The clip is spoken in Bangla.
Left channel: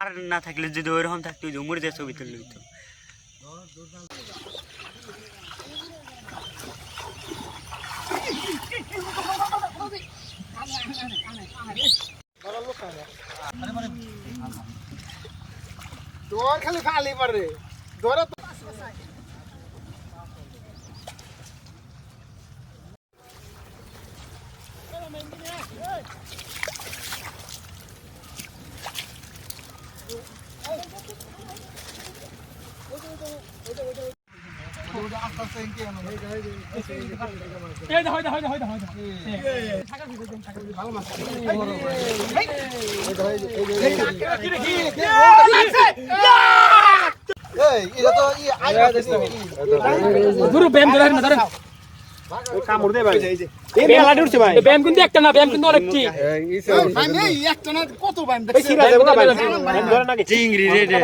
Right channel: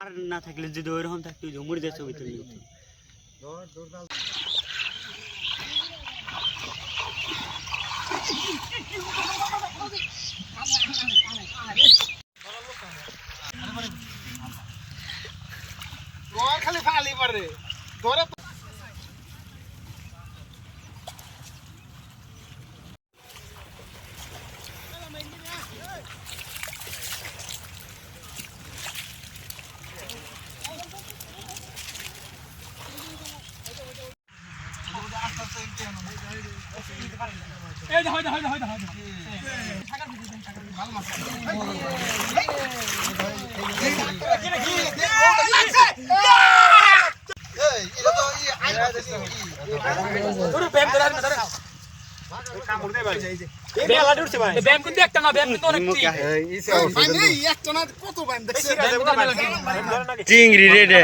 আর না থাকলে যদি ওইরকম থাকতো জমুর দিয়ে ছবি তুলে নিত। খালি ফালি পারে ধরে কামড় দে ভাই ব্যায়াম আড়ে উঠছে ভাই ব্যায়াম কিন্তু একটা না ব্যায়াম কিন্তু অনেকটি ভাই এই একটা না কত ব্যায়াম দেখছিস চিংড়ি রে